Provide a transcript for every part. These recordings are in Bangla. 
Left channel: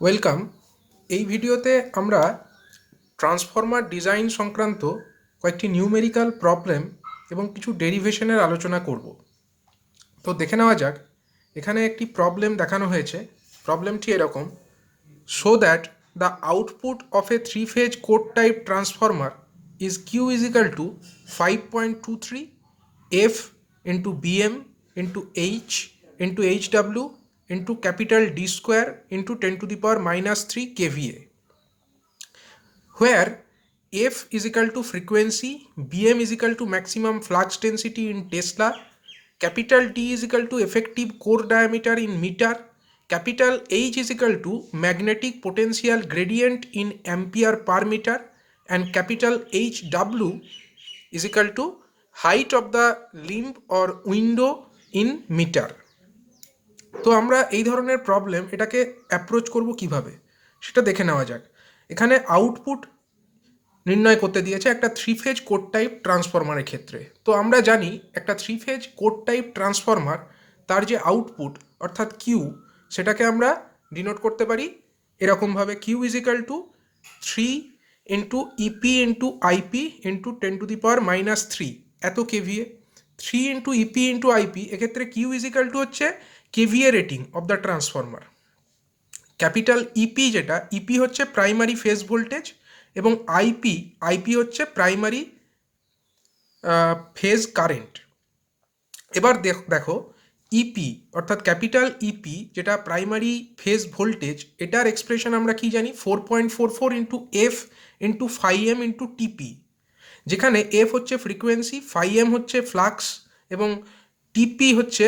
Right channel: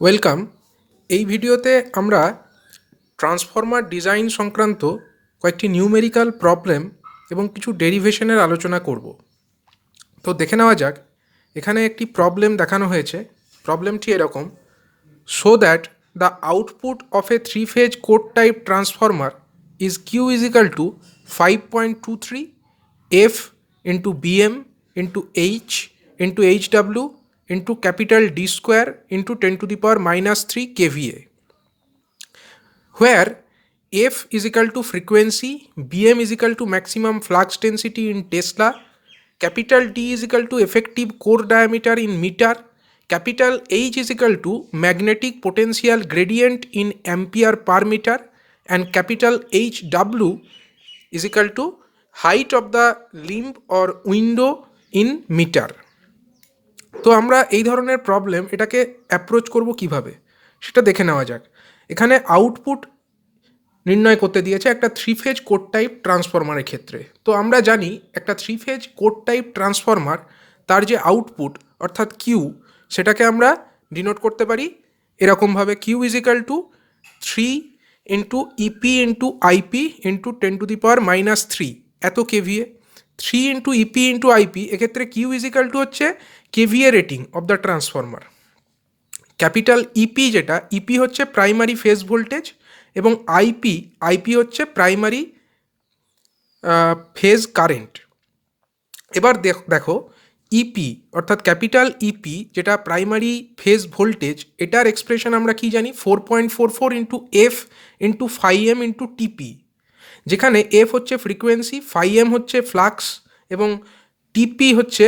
ওয়েলকাম। এই ভিডিওতে আমরা ট্রান্সফর্মার ডিজাইন সংক্রান্ত কয়েকটি নিউমেরিক্যাল প্রবলেম এবং কিছু ডেরিভেশনের আলোচনা করব। তো দেখে নেওয়া যাক। এখানে একটি প্রবলেম দেখানো হয়েছে। প্রবলেমটি এরকম: show that the output of a three phase core type transformer is Q is equal to 5.23 F into BM into H into H W into capital D square into 10⁻³ kVA, where F is equal to frequency, Bm is equal to maximum flux density in Tesla, capital D is equal to effective core diameter in meter, capital H is equal to magnetic potential gradient in ampere per meter, and capital HW is equal to height of the limb or window in meter. তো আমরা এই ধরনের প্রবলেম এটাকে অ্যাপ্রোচ করব কিভাবে সেটা দেখে নেওয়া যাক। এখানে আউটপুট নির্ণয় করতে দিয়েছে একটা থ্রি ফেজ কোড টাইপ ট্রান্সফরমারের ক্ষেত্রে। তো আমরা জানি একটা three phase core type transformer, তার যে আউটপুট অর্থাৎ কিউ, সেটাকে আমরা ডিনোট করতে পারি এরকমভাবে: Q is equal to 3 into EP into IP into 10⁻³ এত kVA. 3 into EP into IP, এক্ষেত্রে কিউ ইজ ইকাল টু হচ্ছে kVA rating of the transformer. Capital EP, যেটা ইপি হচ্ছে প্রাইমারি ফেজ ভোল্টেজ, এবং আইপি হচ্ছে প্রাইমারি ফেজ কারেন্ট। এবার দেখো ইপি অর্থাৎ ক্যাপিটাল ইপি, যেটা প্রাইমারি ফেজ ভোল্টেজ, এটার এক্সপ্রেশন আমরা কি জানি? 4.44 into F into 5m into টিপি, যেখানে এফ হচ্ছে ফ্রিকোয়েন্সি, 5m হচ্ছে ফ্লাক্স, এবং টিপি হচ্ছে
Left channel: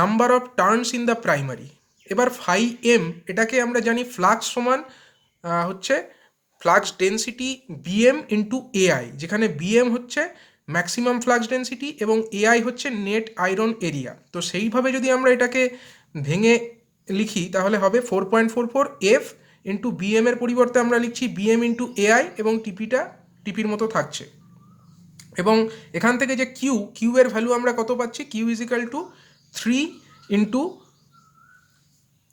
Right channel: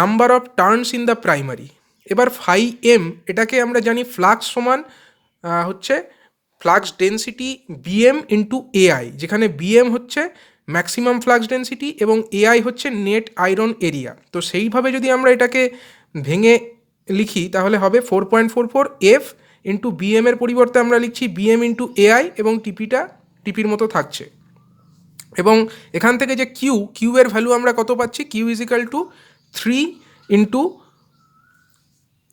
number of turns in the primary. এবার 5m এটাকে আমরা জানি ফ্লাক্স সমান হচ্ছে flux density BM into AI, যেখানে বিএম হচ্ছে ম্যাক্সিমাম ফ্লাক্স ডেন্সিটি এবং এআই হচ্ছে নেট আয়রন এরিয়া। তো সেইভাবে যদি আমরা এটাকে ভেঙে লিখি তাহলে হবে 4.44 এফ ইন্টু বিএম এর পরিবর্তে আমরা লিখছি বিএম ইন্টু এআই, এবং টিপির মতো থাকছে। এবং এখান থেকে যে কিউ এর ভ্যালু আমরা কত পাচ্ছি? Q is equal to 3 into,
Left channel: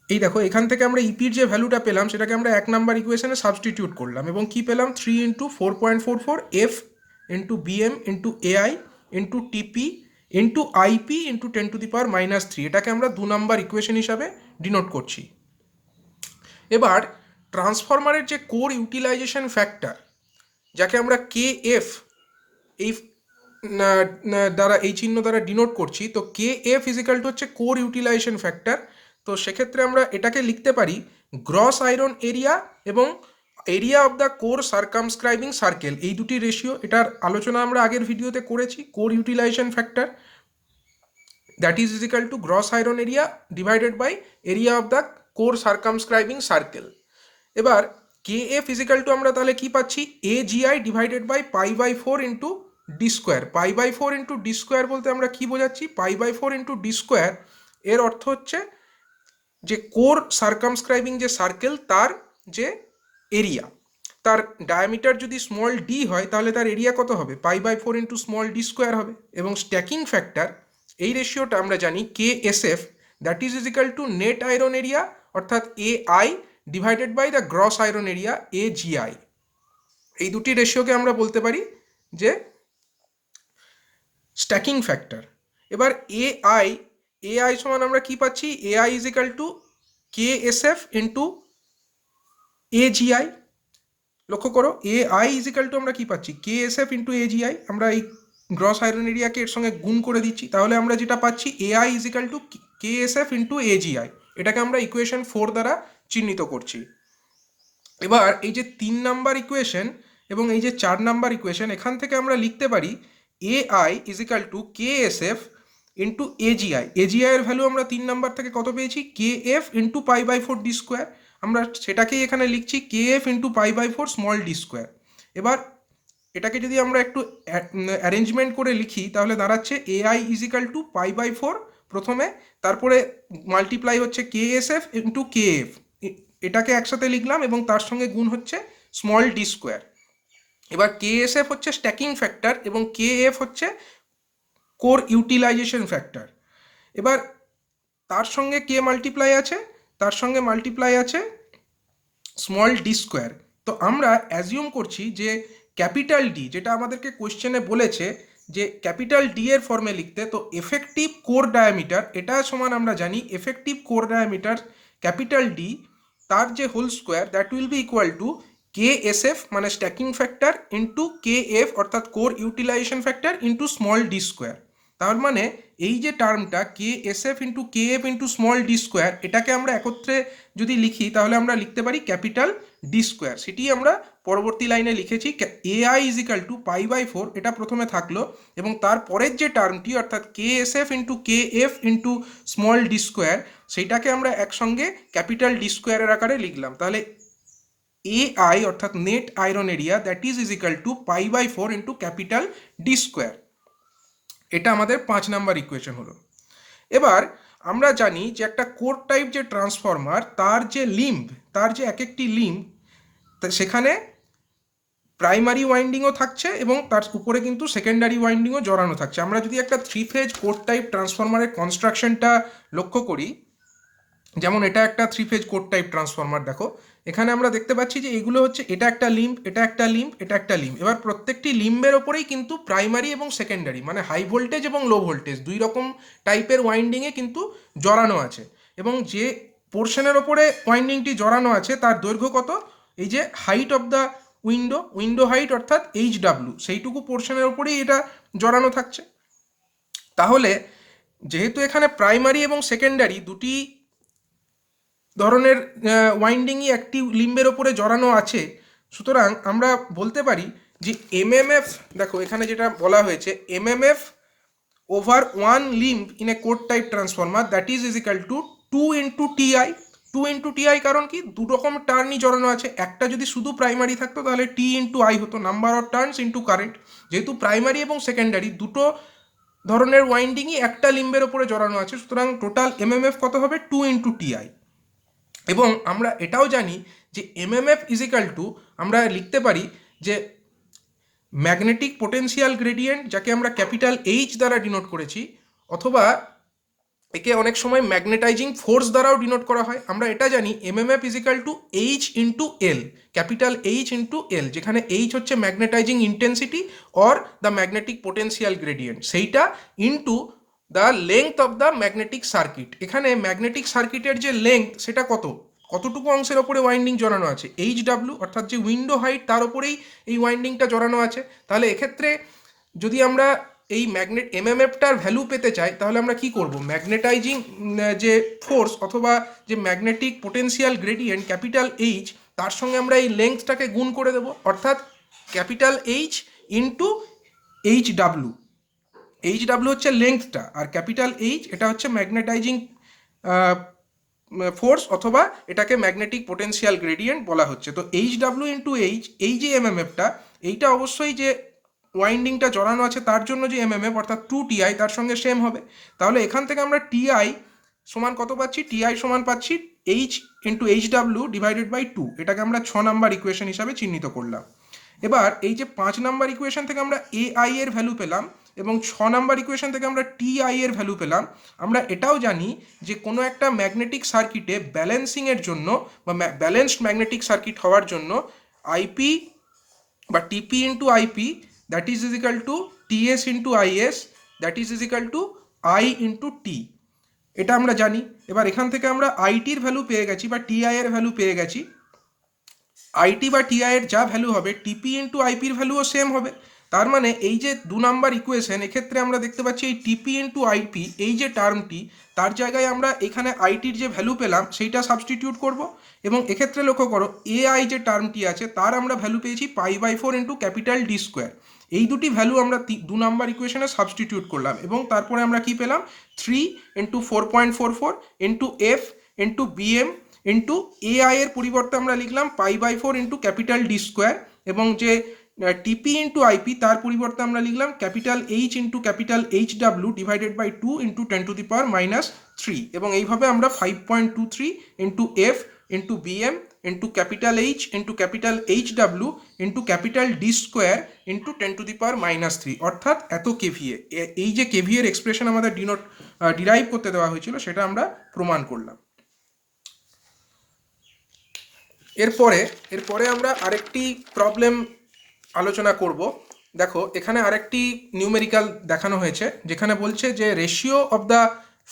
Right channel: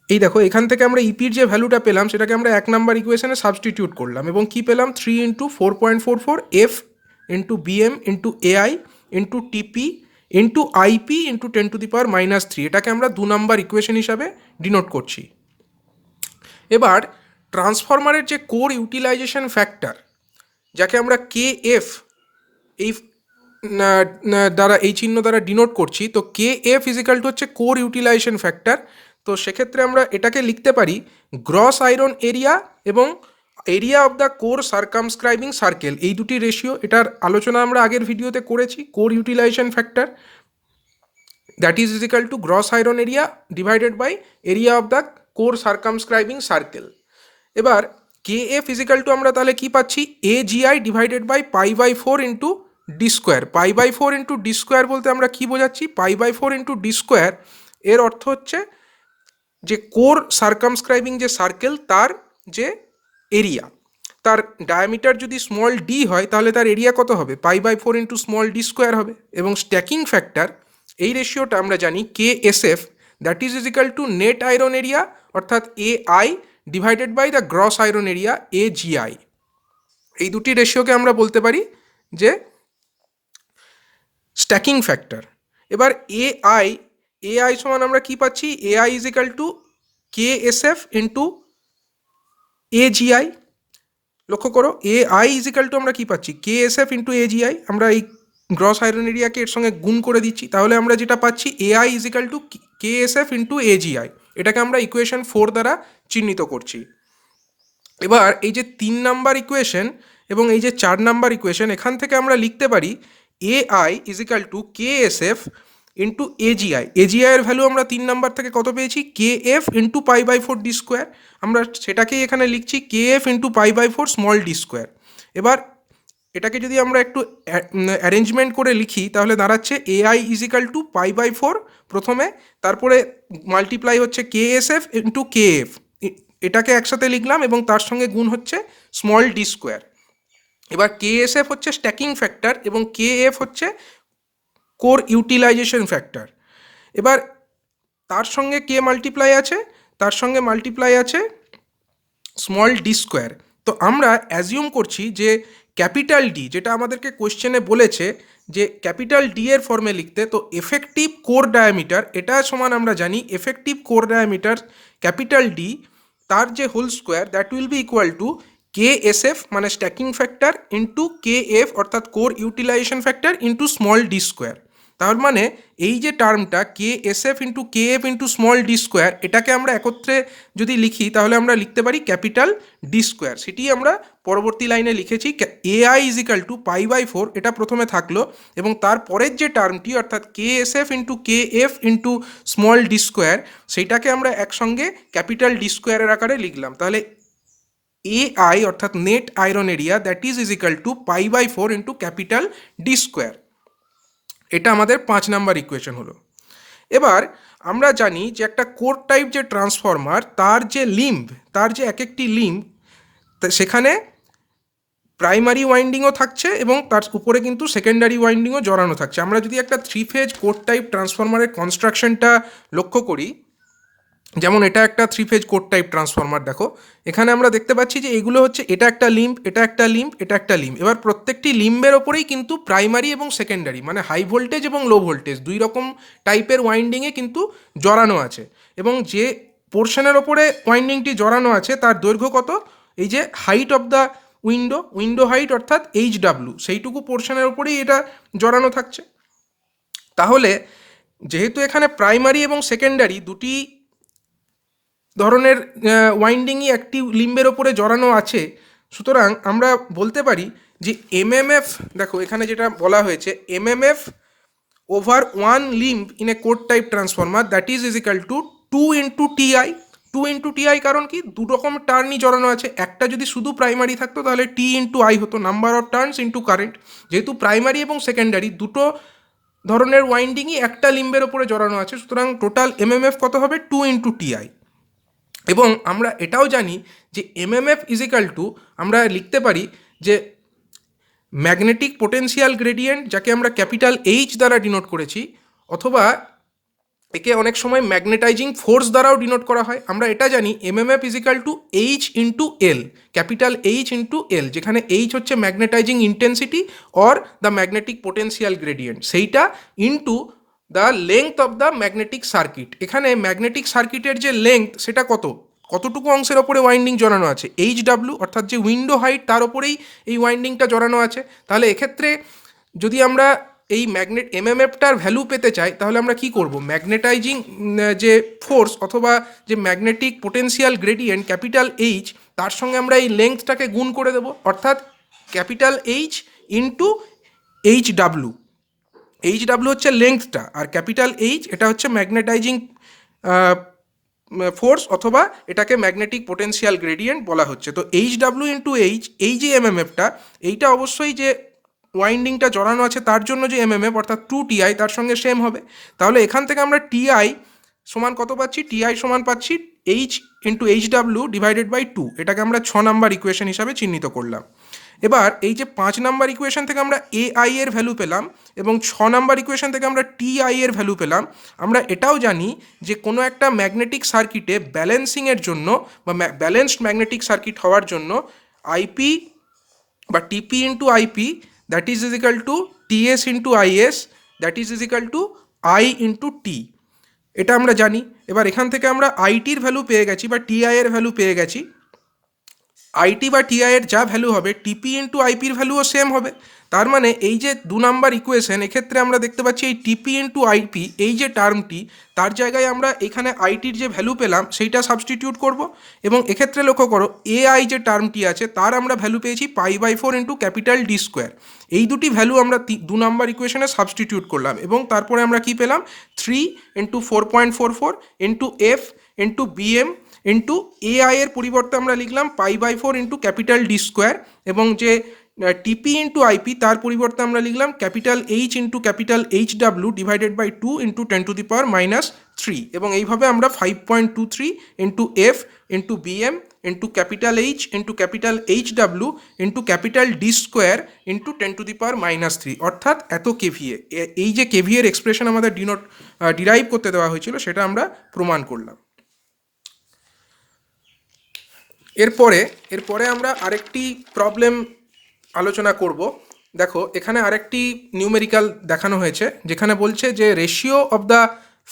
এই দেখো এখান থেকে আমরা ইপির যে ভ্যালুটা পেলাম সেটাকে আমরা 1 নম্বর ইকুয়েশনে সাবস্টিটিউট করলাম, এবং কি পেলাম? 3 into 4.44 F into BM into AI into TP into IP into 10⁻³ এটাকে আমরা 2 নম্বর ইকুয়েশন হিসাবে ডিনোট করছি। এবার ট্রান্সফরমারের যে কোর ইউটিলাইজেশন ফ্যাক্টর, যাকে আমরা কে এফ এই দ্বারা, এই চিহ্ন দ্বারা ডিনোট করছি, তো কে এফ ইজিক্যাল টু হচ্ছে কোর ইউটিলাইজেশন ফ্যাক্টর। তো সেক্ষেত্রে আমরা এটাকে লিখতে পারি গ্রস আয়রন এরিয়া এবং area of the core circumscribing circle, এই দুটি রেশিও। এটার আলোচনা আমরা আগের ভিডিওতে করেছি। Core utilization factor that is is equal to gross iron area divided by area of the core circumscribing circle. এবার কে এফ ইজিক্যাল টু আমরা তাহলে কি পাচ্ছি? A GI divided by π/4 into D square. π/4 into D square বলতে আমরা কি বোঝাচ্ছি? π/4 ইন্টু ডি স্কোয়ার এর অর্থ হচ্ছে যে কোর সার্কামস্ক্রাইবিং যে সার্কেল, তার যে এরিয়া, তার ডায়ামিটার যদি স্মল ডি হয় তাহলে তার এরিয়া কত হবে? π/4 ইন্টু স্মল ডি স্কোয়ার হবে। এবং স্ট্যাকিং ফ্যাক্টর, এই রেশিওটা আমরা জানি K S F, that is is equal to net iron area অর্থাৎ A I divided by the gross iron area A GI. এই দুটি রেশিওকে আমরা বলতে পারি যে স্ট্যাকিং ফ্যাক্টর। এবার এআই সমান আমরা কি পাচ্ছি? AI is equal to K S F into A GI. লক্ষ্য করো, এআই ইজ ইকাল টু আমরা কি পাচ্ছি? কে এস এফ ইন্টু এ জিআই। আমরা এই গ্রস আয়রন এরিয়াকে এর সঙ্গে গুণ করে দিচ্ছি, তাহলে আমরা যেটা পাচ্ছি AI is equal to K S F into A GI. এটাকে আমরা ইকুয়েশন 4 দ্বারা চিহ্নিত করছি। এবার এই যে 3 নম্বর ইকুয়েশন এবং এই যে 4 নম্বর ইকুয়েশন, এখান থেকে আমরা লিখতে পারি AI is equal to K S F into AGI. AGI এর ভ্যালু আমরা 3 নম্বর থেকে কত পেয়েছি? K F into π/4 D square. আমরা সেটাকেই এখানে লিখছি K F into π/4 small D square. এবার এটাকে যদি আমরা একটু অ্যারেঞ্জমেন্ট করে লিখি তাহলে দাঁড়াচ্ছে এআই ইজ ইকাল টু π/4 প্রথমে, তারপরে মাল্টিপ্লাই হচ্ছে কে S F into K F, এটাকে একসাথে লিখলাম এবং তার সঙ্গে গুণ হচ্ছে স্মল ডি স্কোয়ার। এবার কে এস এফ হচ্ছে স্ট্যাকিং ফ্যাক্টর এবং কে এফ হচ্ছে কোর ইউটিলাইজেশন ফ্যাক্টর। এবার তার সঙ্গে কে মাল্টিপ্লাই আছে, তার সঙ্গে মাল্টিপ্লাই আছে স্মল ডি স্কোয়ার। তো আমরা অ্যাজিউম করছি যে ক্যাপিটাল ডি, যেটা আমাদেরকে কোয়েশ্চেনে বলেছে যে ক্যাপিটাল ডি এর ফর্মে লিখতে, তো এফেক্টিভ কোর ডায়ামিটার এটা সমান আমরা জানি effective core diameter capital D তার যে whole square that will be equal to K S F মানে stacking factor into K F অর্থাৎ core utilization factor into small D square. তার মানে এই যে টার্মটা K S F into K F into small D square, এটাকে আমরা একত্রে যদি লিখি তাহলে আমরা লিখতে পারি ক্যাপিটাল ডি স্কোয়ার। সেটি আমরা পরবর্তী লাইনে লিখেছি A I is equal to pi by 4, এটা প্রথমে থাকলো, এবং তার পরের যে টার্মটি অর্থাৎ K S F into K F into small D square, সেইটাকে আমরা একসঙ্গে ক্যাপিটাল ডি স্কোয়ারের আকারে লিখলাম। তাহলে এ আই অর্থাৎ net iron area that is equal to pi by 4 into capital D square. এটা আমাদের 5 নাম্বার ইকুয়েশন হলো। এবার আমরা জানি যে একটা কোর টাইপ যে ট্রান্সফর্মার তার যে লিম্ব, তার যে এক একটি লিম্ব, সেখানে প্রাইমারি ওয়াইন্ডিংও থাকছে এবং তার উপরে কিন্তু সেকেন্ডারি ওয়াইন্ডিংও জড়ানো থাকছে। আমরা যদি একটা 3 ফেজ কোর টাইপ ট্রান্সফর্মারের কনস্ট্রাকশনটা লক্ষ্য করি, যেমন এটা একটা 3 ফেজ কোর টাইপ ট্রান্সফর্মার, দেখো এখানে আমরা দেখতে পাচ্ছি যে এগুলো হচ্ছে এটা একটা লিম্ব, এটা একটা লিম্ব, এটা একটা লিম্ব। এবার প্রত্যেকটি লিম্বের ওপরেই কিন্তু প্রাইমারি এবং সেকেন্ডারি মানে হাই ভোল্টেজ এবং লো ভোল্টেজ দুই রকম টাইপের ওয়াইন্ডিংয়ে কিন্তু জড়ানো আছে, এবং যে পোর্শনের ওপরে ওয়াইন্ডিংটি জড়ানো আছে তার দৈর্ঘ্য কত, এই যে height of the window height অর্থাৎ HW, সেইটুকু পোর্শনের ওপরেই এটা জড়ানো থাকছে। তাহলে যেহেতু এখানে প্রাইমারি এবং সেকেন্ডারি দুটি ধরনের ওয়াইন্ডিংই একটি লিম্বের ওপরে জড়ানো আছে, সুতরাং আমরা বলতে পারি যে এমএমএফ, দেখো এখানে যেটা বলা হয়েছে MMF over one limb in a core type transformer that is equal to 2 into TI. 2 into TI কারণ কি, দু রকম টার্নই জড়ানো আছে, একটা যদি শুধু প্রাইমারি থাকতো তাহলে টি ইন্টু আই হতো, number of turns into current. যেহেতু প্রাইমারি এবং সেকেন্ডারি দুটো ধরনের ওয়াইন্ডিংই একটা লিম্বের ওপরে জড়ানো আছে, সুতরাং টোটাল এমএমএফ কত হবে, 2 ইন্টু টিআই। এবং আমরা এটাও জানি যে এমএমএফ ইজিক্যাল টু আমরা লিখতে পারি যে ম্যাগনেটিক পোটেনশিয়াল গ্রেডিয়েন্ট, যাকে আমরা ক্যাপিটাল এইচ দ্বারা ডিনোট করেছি, অথবা একে অনেক সময় ম্যাগনেটাইজিং ফোর্স দ্বারাও ডিনোট করা হয়। আমরা এটা জানি MMF equal to H into L, capital H into L, যেখানে এইচ হচ্ছে magnetizing intensity or the magnetic potential gradient, সেইটা into the length of the magnetic circuit. এখানে ম্যাগনেটিক সার্কিটের যে লেংথ সেটা কতটুকু অংশের ওপরে ওয়াইন্ডিং জড়ানো আছে, HW অর্থাৎ যে উইন্ডো হাইট তার ওপরেই এই ওয়াইন্ডিংটা জড়ানো আছে। তাহলে এক্ষেত্রে যদি আমরা এই এমএমএফটার ভ্যালু পেতে চাই তাহলে আমরা কি করব, ম্যাগনেটাইজিং যে ফোর্স অথবা যে magnetic potential gradient capital H, তার সঙ্গে আমরা এই লেংথটাকে গুণ করে দেবো, অর্থাৎ capital H into HW। HW হচ্ছে লেংথটা, আর ক্যাপিটাল এইচ এটা হচ্ছে ম্যাগনেটাইজিং ফোর্স অথবা এটাকে ম্যাগনেটিক পোটেনশিয়াল গ্রেডিয়েন্ট বলা হচ্ছে। তো HW ইন্টু এইচ, এই যে এমএমএফটা, এইটা অবশ্যই যে ওয়াইন্ডিংটা জড়ানো আছে তার জন্য যে এমএমএফ অর্থাৎ 2TI তার সঙ্গে সেম হবে। তাহলে এখান থেকে আমরা টিআই সমান কত পাচ্ছি, টিআই সমান পাচ্ছি H into HW divided by 2, এটাকে আমরা 6 নাম্বার ইকুয়েশন হিসাবে চিহ্নিত করলাম। এবার এই যে 5 নাম্বার ইকুয়েশন থেকে আমরা AI এর ভ্যালু পেলাম এবং 6 নাম্বার ইকুয়েশন থেকে আমরা TI এর ভ্যালু পেলাম, আমরা এটাও জানি যে কোনো একটা ম্যাগনেটিক সার্কিটে ব্যালেন্সিংয়ের জন্য বা ব্যালেন্সড ম্যাগনেটিক সার্কিট হওয়ার জন্য আইপি বা TP into IP that is is equal to TS into IS that is is equal to I into T, এটা আমরা জানি। এবার এখান থেকে আমরা আইটির ভ্যালু পেয়ে গেছি বা টিআই এর ভ্যালু পেয়ে গেছি। আইটি বা টিআই এর যা ভ্যালু হবে টিপি ইন্টু আইপির ভ্যালুও সেম হবে। তার মানে এই যে 2 নাম্বার ইকুয়েশন, এক্ষেত্রে আমরা দেখতে পাচ্ছি এই টিপি ইন্টু আইপি এই যে টার্মটি, তার জায়গায় আমরা এখানে আইটির যে ভ্যালু পেলাম সেইটা সাবস্টিটিউট করব, এবং এক্ষেত্রে লক্ষ্য করো AI যে টার্মটি আছে তার আমরা ভ্যালু পেয়েছি pi by 4 into capital D square. এই দুটি ভ্যালু আমরা 2 নাম্বার ইকুয়েশনে সাবস্টিটিউট করলাম, এবং তারপরে আমরা কি পেলাম, 3 into 4.44 into F into BM into AI এর পরিবর্তে আমরা লিখলাম pi by 4 into capital D square, এবং যে টিপি ইন্টু আইপি তার পরিবর্তে আমরা লিখলাম capital H into capital HW divided by 2 into 10⁻³ এবং এইভাবে আমরা 5.23 into F into BM into capital H into capital HW into capital D square into 10⁻³ অর্থাৎ এত কেভিএ, এই যে কেভিএর এক্সপ্রেশন আমাদের ডিরাইভ করতে দেওয়া হয়েছিল সেটা আমরা প্রমাণ করলাম। এরপরে এরপরে আমরা আরেকটি প্রবলেম আলোচনা করব। দেখো এখানে আরেকটি নিউমেরিক্যাল দেখানো হয়েছে, যেখানে বলছে যে ratio of the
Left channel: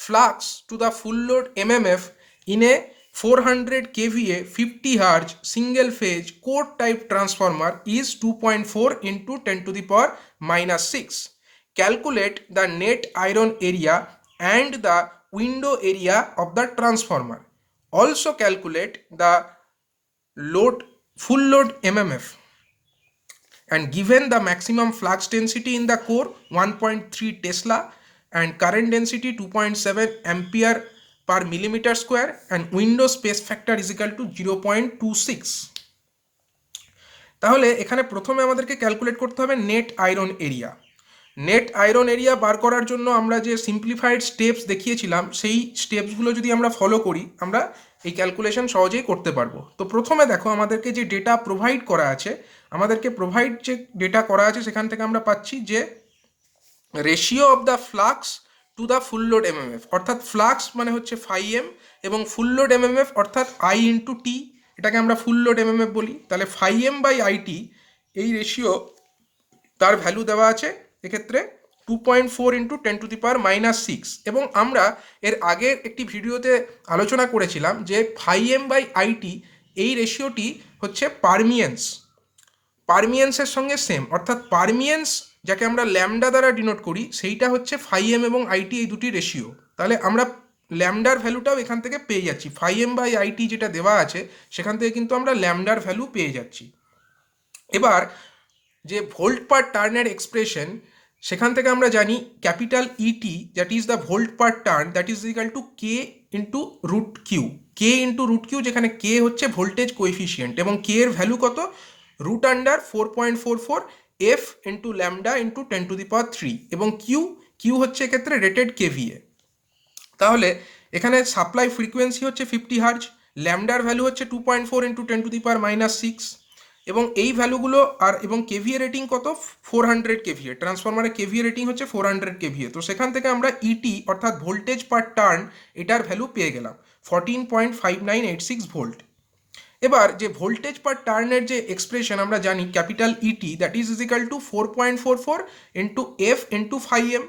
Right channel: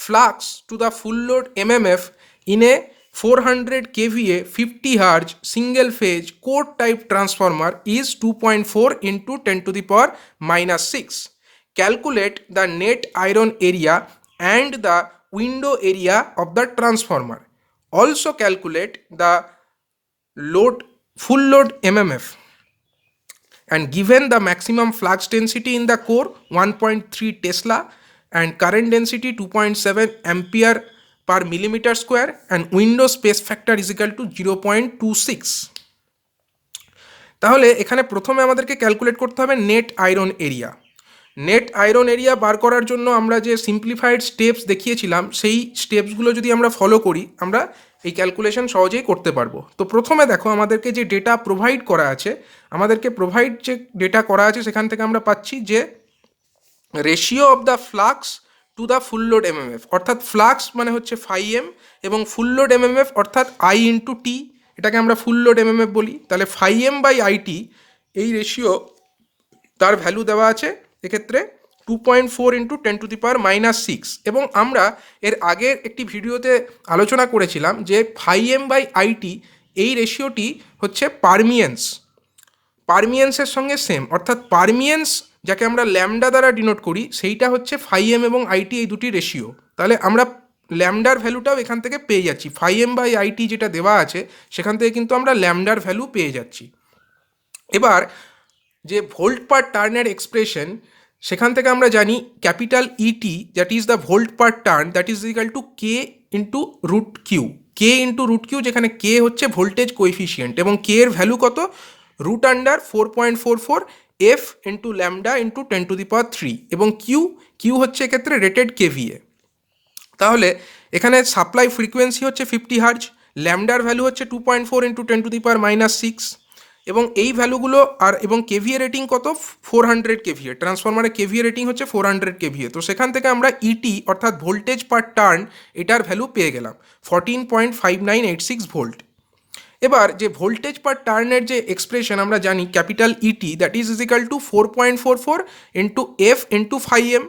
flux to the full load MMF in a 400 kVA 50 Hz single phase core type transformer is 2.4 into 10 to the power minus 6. Calculate the net iron area and the window area of the transformer. Also calculate the load full load MMF, and given the maximum flux density in the core 1.3 Tesla and current density 2.7 ampere per millimeter square and window space factor is equal to 0.26. তাহলে এখানে প্রথমে আমাদেরকে ক্যালকুলেট করতে হবে net iron area. Net iron area বার করার জন্য আমরা যে সিম্পলিফাইড স্টেপস দেখিয়েছিলাম, সেই স্টেপসগুলো যদি আমরা ফলো করি আমরা এই ক্যালকুলেশন সহজেই করতে পারবো। তো প্রথমে দেখো আমাদেরকে যে ডেটা প্রোভাইড করা আছে, যে ডেটা করা আছে সেখান থেকে আমরা পাচ্ছি যে ratio of the flux to the full load MMF, অর্থাৎ ফ্লাক্স মানে হচ্ছে φm এবং ফুল লোড এমএমএফ অর্থাৎ I ইন্টু টি, এটাকে আমরা ফুল লোড এমএমএফ বলি। তাহলে φm বাই আইটি এই রেশিও তার ভ্যালু দেওয়া আছে এক্ষেত্রে 2.4 into 10 to the power minus 6। এবং আমরা এর আগের একটি ভিডিওতে আলোচনা করেছিলাম যে φm বাই আইটি এই রেশিওটি হচ্ছে পারমিয়েন্সের সঙ্গে সেম, অর্থাৎ পারমিয়েন্স যাকে আমরা ল্যামডা দ্বারা ডিনোট করি সেইটা হচ্ছে φm এবং আইটি এই দুটি রেশিও। তাহলে আমরা ল্যামডার ভ্যালুটাও এখান থেকে পেয়ে যাচ্ছি, φm বাই আইটি যেটা দেওয়া আছে সেখান থেকে কিন্তু আমরা ল্যামডার ভ্যালু পেয়ে যাচ্ছি। এবার যে ভোল্ট পার টার্নের এক্সপ্রেশন, সেখান থেকে আমরা জানি capital ET that is the volt per turn that is equal to K into root Q, যেখানে কে হচ্ছে ভোল্টেজ কোএফিসিয়েন্ট এবং কে এর ভ্যালু কত, root under 4.44 F into lambda into 10 to the power 3 এবং কিউ হচ্ছে এক্ষেত্রে রেটেড কেভিএ। তাহলে এখানে সাপ্লাই ফ্রিকোয়েন্সি হচ্ছে 50 হার্জ, ল্যামডার ভ্যালু হচ্ছে 2.4 into 10 to the power minus 6 এবং এই ভ্যালুগুলো এবং কেভিএ রেটিং কত 400 কেভিএ, ট্রান্সফরমারের কেভিএ রেটিং হচ্ছে 400 কেভিএ। তো সেখান থেকে আমরা ইটি অর্থাৎ ভোল্টেজ পার টার্ন এটার ভ্যালু পেয়ে গেলাম 14.5986 ভোল্ট। এবার যে ভোল্টেজ পার টার্নের যে এক্সপ্রেশন আমরা জানি capital ET that is is equal to 4.44 into F into φm,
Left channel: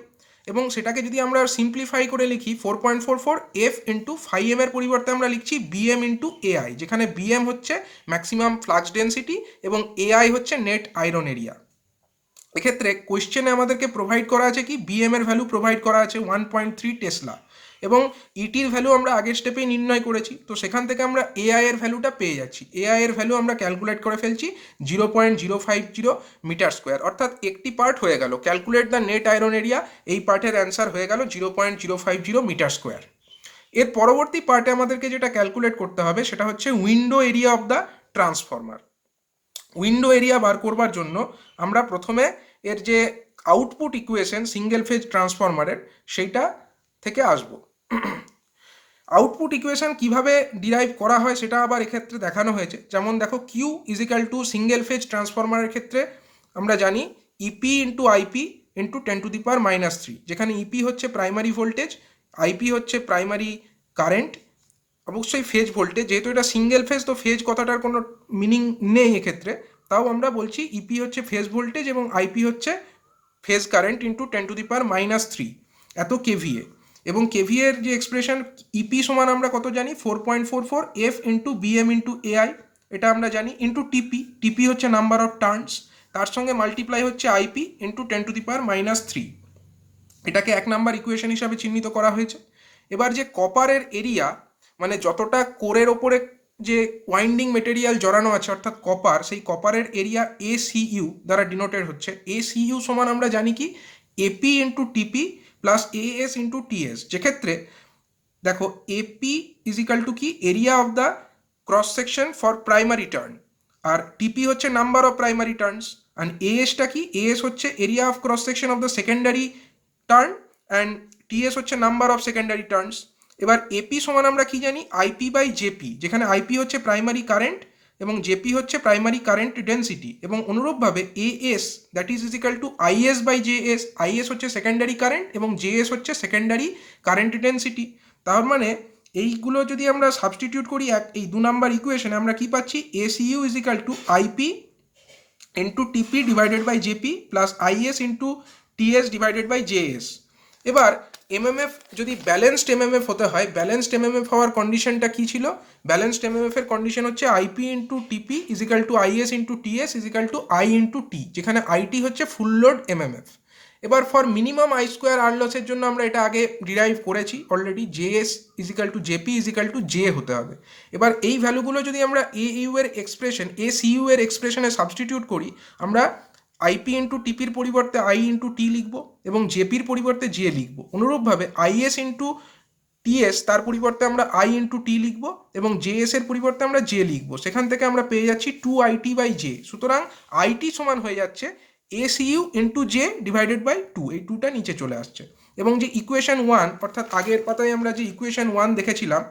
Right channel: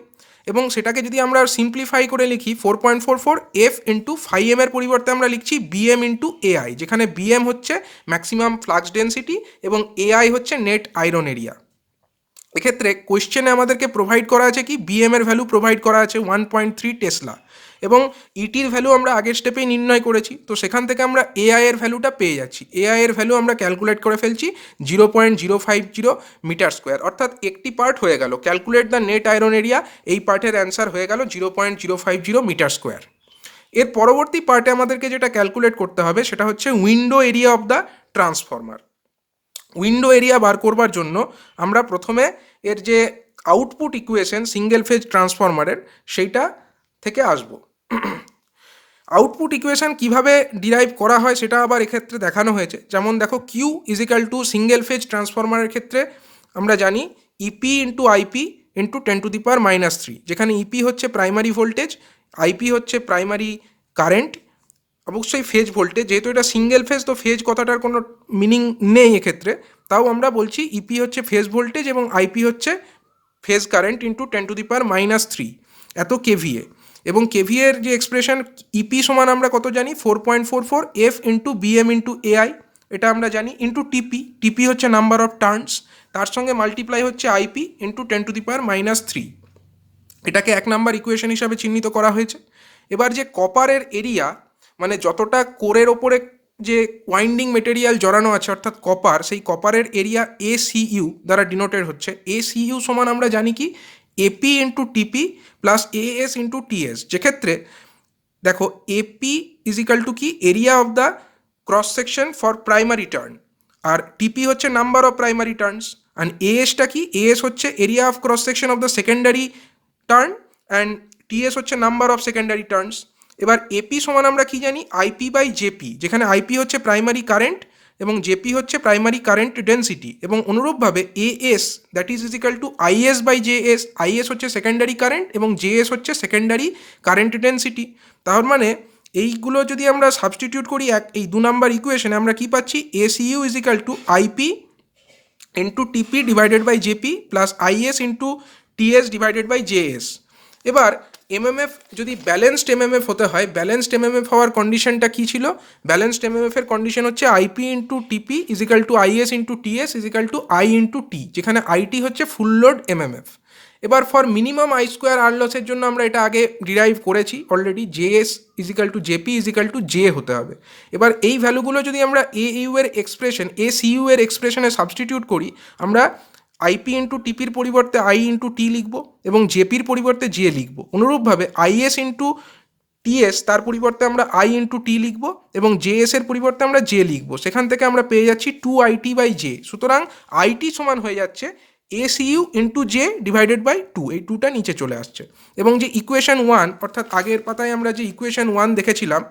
এবং সেটাকে যদি আমরা সিম্পলিফাই করে লিখি 4.44 এফ ইন্টু φm এর পরিবর্তে আমরা লিখছি বিএম ইন্টু এআই, যেখানে বিএম হচ্ছে ম্যাক্সিমাম ফ্লাক্স ডেন্সিটি এবং এআই হচ্ছে নেট আয়রন এরিয়া। এক্ষেত্রে কোয়েশ্চেনে আমাদেরকে প্রোভাইড করা আছে কি, বিএম এর ভ্যালু প্রোভাইড করা আছে 1.3 টেসলা এবং ইটির ভ্যালু আমরা আগের স্টেপেই নির্ণয় করেছি। তো সেখান থেকে আমরা এআই এর ভ্যালুটা পেয়ে যাচ্ছি, এআই এর ভ্যালু আমরা ক্যালকুলেট করে ফেলছি 0.050 মিটার স্কোয়ার, অর্থাৎ একটি পার্ট হয়ে গেল calculate the net iron area, এই পার্টের অ্যান্সার হয়ে গেল 0.050 মিটার স্কোয়ার। এর পরবর্তী পার্টে আমাদেরকে যেটা ক্যালকুলেট করতে হবে সেটা হচ্ছে window area of the transformer. Window area বার করবার জন্য আমরা প্রথমে এর যে আউটপুট ইকুয়েশন সিঙ্গেল ফেজ ট্রান্সফরমারের সেইটা থেকে আসব। আউটপুট ইকুয়েশন কিভাবে ডিরাইভ করা হয় সেটা আবার এক্ষেত্রে দেখানো হয়েছে। যেমন দেখো Q is equal to single phase ট্রান্সফরমারের ক্ষেত্রে আমরা জানি EP into IP into 10 to the power minus 3, যেখানে ইপি হচ্ছে প্রাইমারি ভোল্টেজ, আইপি হচ্ছে প্রাইমারি কারেন্ট, অবশ্যই ফেজ ভোল্টেজ, যেহেতু এটা সিঙ্গেল ফেজ তো ফেজ কথাটার কোনো মিনিং নেই এক্ষেত্রে, তাও আমরা বলছি ইপি হচ্ছে ফেজ ভোল্টেজ এবং আইপি হচ্ছে phase current into 10 to the power minus 3 এত কেভিএ। এবং কেভিএর যে এক্সপ্রেশন ইপি সমান আমরা কত জানি 4.44 F into BM into AI, এটা আমরা জানি, ইন্টু টিপি হচ্ছে নাম্বার অফ টার্নস, তার সঙ্গে মাল্টিপ্লাই হচ্ছে IP into 10 to the power minus 3, এটাকে 1 নাম্বার ইকুয়েশন হিসাবে চিহ্নিত করা হয়েছে। এবার যে কপারের এরিয়া মানে যতটা কোরের ওপরে যে ওয়াইন্ডিং মেটেরিয়াল জড়ানো আছে অর্থাৎ কপার, সেই কপারের এরিয়া এসিইউ দ্বারা ডিনোটেড হচ্ছে। এসিইউ সমান আমরা জানি কি AP into TP plus AS into TS, যেক্ষেত্রে দেখো এপি ইজিক্যাল টু কি area of the cross section for primary turn, আর টিপি হচ্ছে number of primary turns, and এএসটা কি, এএস হচ্ছে area of cross section of the secondary turn and TS হচ্ছে নাম্বার অফ সেকেন্ডারি টার্নস। এবার এপি সমান আমরা কি জানি আইপি বাই জেপি, যেখানে আইপি হচ্ছে প্রাইমারি কারেন্ট এবং জেপি হচ্ছে প্রাইমারি কারেন্ট ডেন্সিটি, এবং অনুরূপভাবে AS that is is equal to IS by JS, IS হচ্ছে সেকেন্ডারি কারেন্ট এবং জেএস হচ্ছে সেকেন্ডারি কারেন্ট ডেন্সিটি। তার মানে এইগুলো যদি আমরা সাবস্টিটিউট করি এই 2 নাম্বার ইকুয়েশনে আমরা কি পাচ্ছি, SU is equal to IP into TP divided by JP plus IS into TS divided by JS. এবার এমএমএফ যদি ব্যালেন্সড এমএমএফ হতে হয়, ব্যালেন্সড এমএমএফ হওয়ার কন্ডিশনটা কী ছিল, ব্যালেন্সড এমএমএফ এর কন্ডিশন হচ্ছে IP into TP is equal to IS into TS is equal to I into T, যেখানে আইটি হচ্ছে ফুল লোড এমএমএফ। এবার for minimum I square R লসের জন্য আমরা এটা আগে ডিরাইভ করেছি already, JS is equal two JP is equal two J হতে হবে। এবার এই ভ্যালুগুলো যদি আমরা এইউ এর এক্সপ্রেশন, এসইউ এর এক্সপ্রেশনে সাবস্টিটিউট করি, আমরা আইপি ইন্টু টিপির পরিবর্তে আই ইন্টু টি লিখব এবং জেপির পরিবর্তে জে লিখব। অনুরূপভাবে আইএস ইন্টু টিএস তার পরিবর্তে আমরা আই ইন্টু টি লিখব এবং জেএস এর পরিবর্তে আমরা জে লিখব। সেখান থেকে আমরা পেয়ে যাচ্ছি 2IT বাই জে। সুতরাং আইটি সমান হয়ে যাচ্ছে SU into J divided by 2, এই 2টা নিচে চলে আসছে। এবং যে ইকুয়েশন 1 অর্থাৎ আগের পাতায় আমরা যে ইকুয়েশন 1 দেখেছিলাম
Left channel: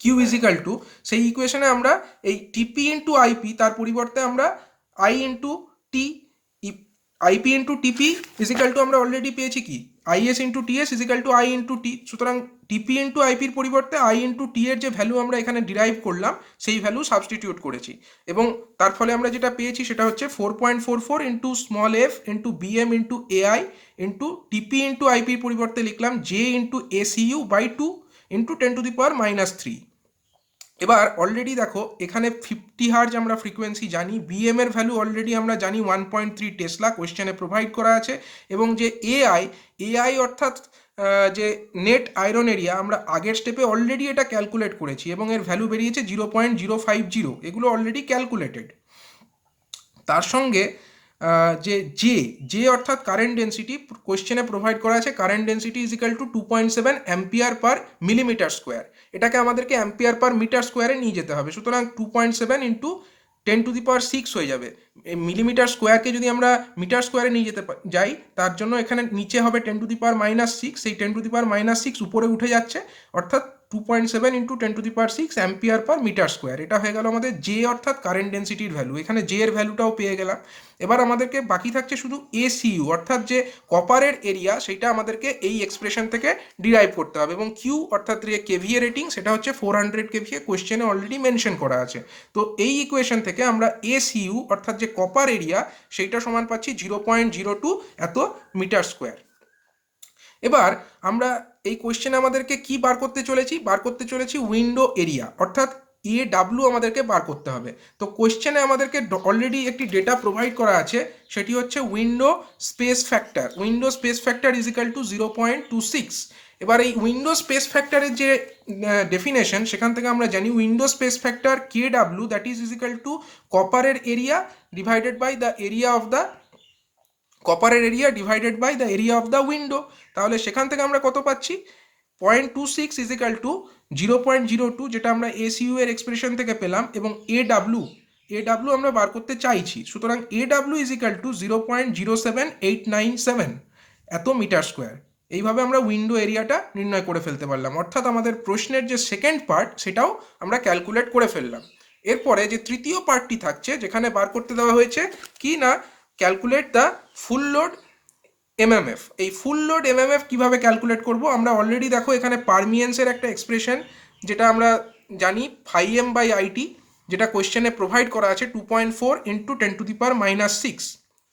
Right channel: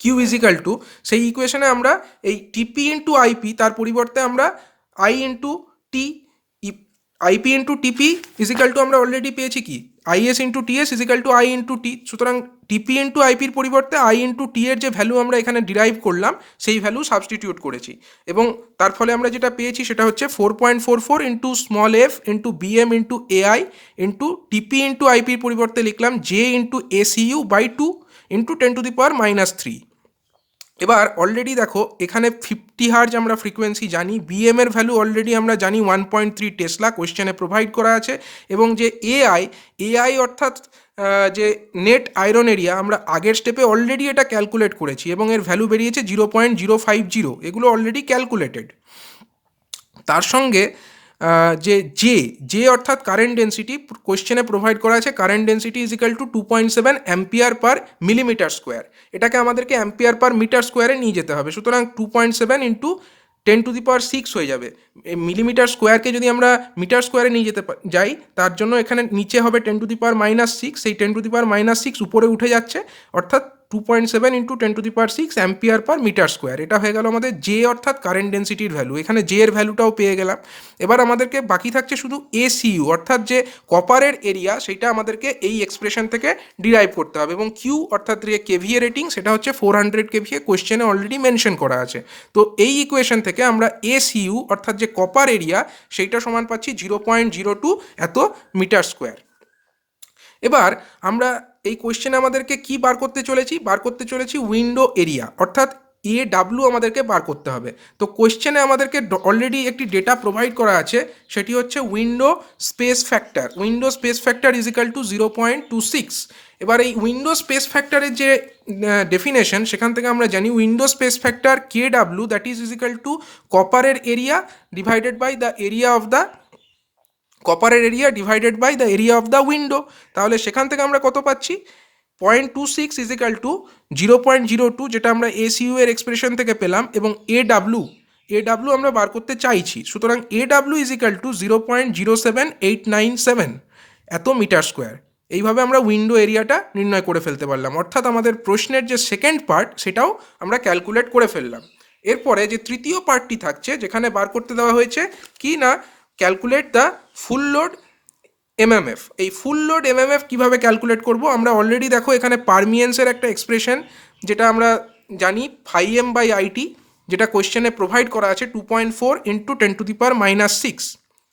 কিউ ইজ ইকাল টু, সেই ইকুয়েশনে আমরা এই টিপি ইন্টু আইপি তার পরিবর্তে আমরা I into T, IP into TP is equal to আমরা অলরেডি পেয়েছি কি IS into TS is equal to I into T. সুতরাং টিপি ইন্টু আইপির পরিবর্তে আই ইন্টু টি এর যে ভ্যালু আমরা এখানে ডিরাইভ করলাম সেই ভ্যালু সাবস্টিটিউট করেছি এবং তার ফলে আমরা যেটা পেয়েছি সেটা হচ্ছে 4.44 into small F into BM into AI into TP into আইপির পরিবর্তে লিখলাম J into SU by 2 into 10⁻³ এবার অলরেডি দেখো এখানে 50 হার্জ আমরা ফ্রিকোয়েন্সি জানি, বিএম এর ভ্যালু অলরেডি আমরা জানি 1.3 টেসলা, কোয়েশ্চেনে প্রোভাইড করা আছে। এবং যে এআই অর্থাৎ যে নেট আয়রন এরিয়া আমরা আগের স্টেপে অলরেডি এটা ক্যালকুলেট করেছি এবং এর ভ্যালু বেরিয়েছে 0.050, এগুলো অলরেডি ক্যালকুলেটেড। তার সঙ্গে যে জে অর্থাৎ কারেন্ট ডেন্সিটি কোয়েশ্চেনে প্রোভাইড করা আছে, current density is equal two 2.7 ampere per millimetre square, এটাকে আমাদেরকে অ্যাম্পিয়ার পার মিটার স্কোয়ারে নিয়ে যেতে হবে। সুতরাং 2.7 ইন্টু 10⁶ হয়ে যাবে। মিলিমিটার স্কোয়ারকে যদি আমরা মিটার স্কোয়ারে নিয়ে যেতে যাই তার জন্য এখানে নিচে হবে 10⁻⁻6, সেই 10⁻⁻6 উপরে উঠে যাচ্ছে, অর্থাৎ 2.7 into 10⁶ ampere per metre square. এটা হয়ে গেল আমাদের জে অর্থাৎ কারেন্ট ডেন্সিটির ভ্যালু। এখানে জে এর ভ্যালুটাও পেয়ে গেলাম। এবার আমাদেরকে বাকি থাকছে শুধু এসইউ অর্থাৎ যে কপারের এরিয়া, সেটা আমাদেরকে এই এক্সপ্রেশন থেকে ডিরাইভ করতে হবে এবং কিউ অর্থাৎ যে কেভিএ রেটিং সেটা হচ্ছে 400 কেভিএ, কোয়েশ্চেনে অলরেডি মেনশন করা আছে। তো এই ইকুয়েশন থেকে আমরা এসইউ অর্থাৎ যে কপার এরিয়া সেইটা সমান পাচ্ছি 0.02 এত মিটার স্কোয়ার। এবার আমরা এই কোয়েশ্চেনে আমাদেরকে কি বার করতে চলেছি উইন্ডো এরিয়া অর্থাৎ AW আমাদেরকে বার করতে হবে। তো কোয়েশ্চেনে আমাদেরকে অলরেডি একটি ডেটা প্রোভাইড করা আছে, সেটি হচ্ছে window space factor is equal two 0.26। এবার এই উইন্ডো স্পেস ফ্যাক্টরের যে ডেফিনেশন সেখান থেকে আমরা জানি window space factor KW that is equal to কপারের area divided by the area of the area of the window. তাহলে সেখান থেকে আমরা কত পাচ্ছি 0.26 ইজ ইকাল টু 0.02, যেটা আমরা এসইউ এর এক্সপ্রেশন থেকে পেলাম, এবং এডাব্লিউ আমরা বার করতে চাইছি। সুতরাং এডাব্লিউ ইজ ইকাল টু 0.07897 এত মিটার স্কোয়ার। এইভাবে আমরা উইন্ডো এরিয়াটা নির্ণয় করে ফেলতে পারলাম, অর্থাৎ আমাদের প্রশ্নের যে সেকেন্ড পার্ট সেটাও আমরা ক্যালকুলেট করে ফেললাম। এরপরে যে তৃতীয় পার্টটি থাকছে যেখানে বার করতে দেওয়া হয়েছে কি না, calculate the full load MMF. এই ফুল লোড এমএমএফ কীভাবে ক্যালকুলেট করব, আমরা অলরেডি দেখো এখানে পারমিয়েন্সের একটা এক্সপ্রেশন যেটা আমরা জানি φm/IT, যেটা কোয়েশ্চেনে প্রোভাইড করা আছে 2.4 ইন্টু 10⁻⁻6।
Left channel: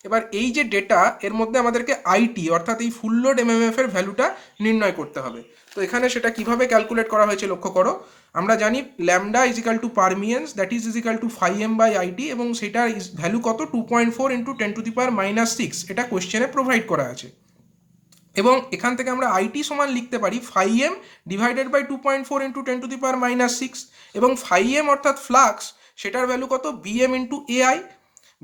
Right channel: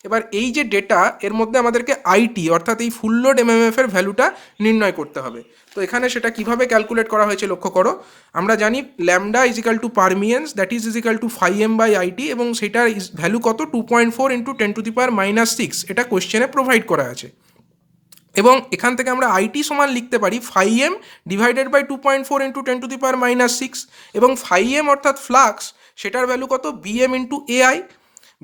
এবার এই যে ডেটা এর মধ্যে আমাদেরকে আইটি অর্থাৎ এই ফুল লোড এমএমএফ এর ভ্যালুটা নির্ণয় করতে হবে। তো এখানে সেটা কিভাবে ক্যালকুলেট করা হয়েছে লক্ষ্য করো, আমরা জানি lambda is equal two permeance that is equal two φm/IT এবং সেটার ভ্যালু কত 2.4 ইন্টু 10⁻⁻6, এটা কোয়েশ্চেনে প্রোভাইড করা আছে। এবং এখান থেকে আমরা আইটি সমান লিখতে পারি φm ডিভাইডেড বাই 2.4 ইন্টু 10⁻⁻6 এবং φm অর্থাৎ ফ্লাক্স সেটার ভ্যালু কত বিএম ইন্টু এআই।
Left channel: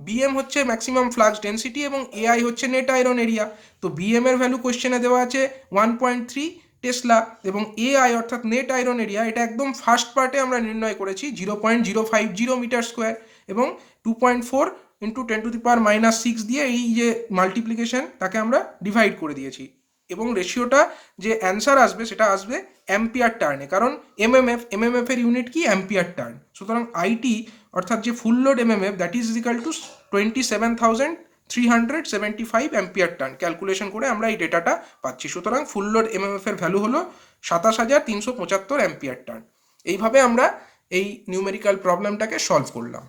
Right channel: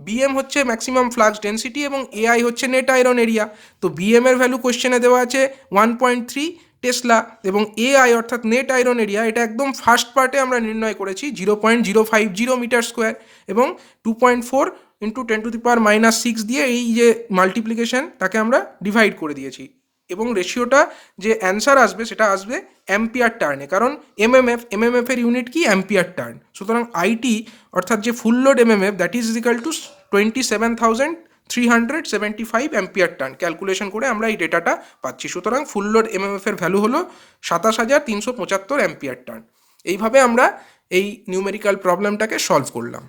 বিএম হচ্ছে ম্যাক্সিমাম ফ্লাক্স ডেন্সিটি এবং এআই হচ্ছে নেট আয়রন এরিয়া। তো বিএম এর ভ্যালু কোয়েশ্চেনে দেওয়া আছে 1.3 টেসলা এবং এআই অর্থাৎ নেট আয়রন এরিয়া এটা একদম ফার্স্ট পার্টে আমরা নির্ণয় করেছি 0.050 মিটার স্কোয়ার এবং 2.4 ইন্টু 10⁻⁻6 দিয়ে এই যে মাল্টিপ্লিকেশন তাকে আমরা ডিভাইড করে দিয়েছি এবং রেশিওটা যে অ্যান্সার আসবে সেটা আসবে অ্যাম্পিয়ার টার্নে, কারণ এমএমএফ এর ইউনিট কি অ্যাম্পিয়ার টার্ন। সুতরাং আইটি অর্থাৎ যে ফুল load MMF that is equal two 375 ampere turn calculation করে আমরা এই ডেটাটা পাচ্ছি। সুতরাং ফুল লোড এমএমএফ এর ভ্যালু হলো 27,375 অ্যাম্পিয়ার টার্ন। এইভাবে আমরা এই নিউমেরিক্যাল প্রবলেমটাকে সলভ করলাম।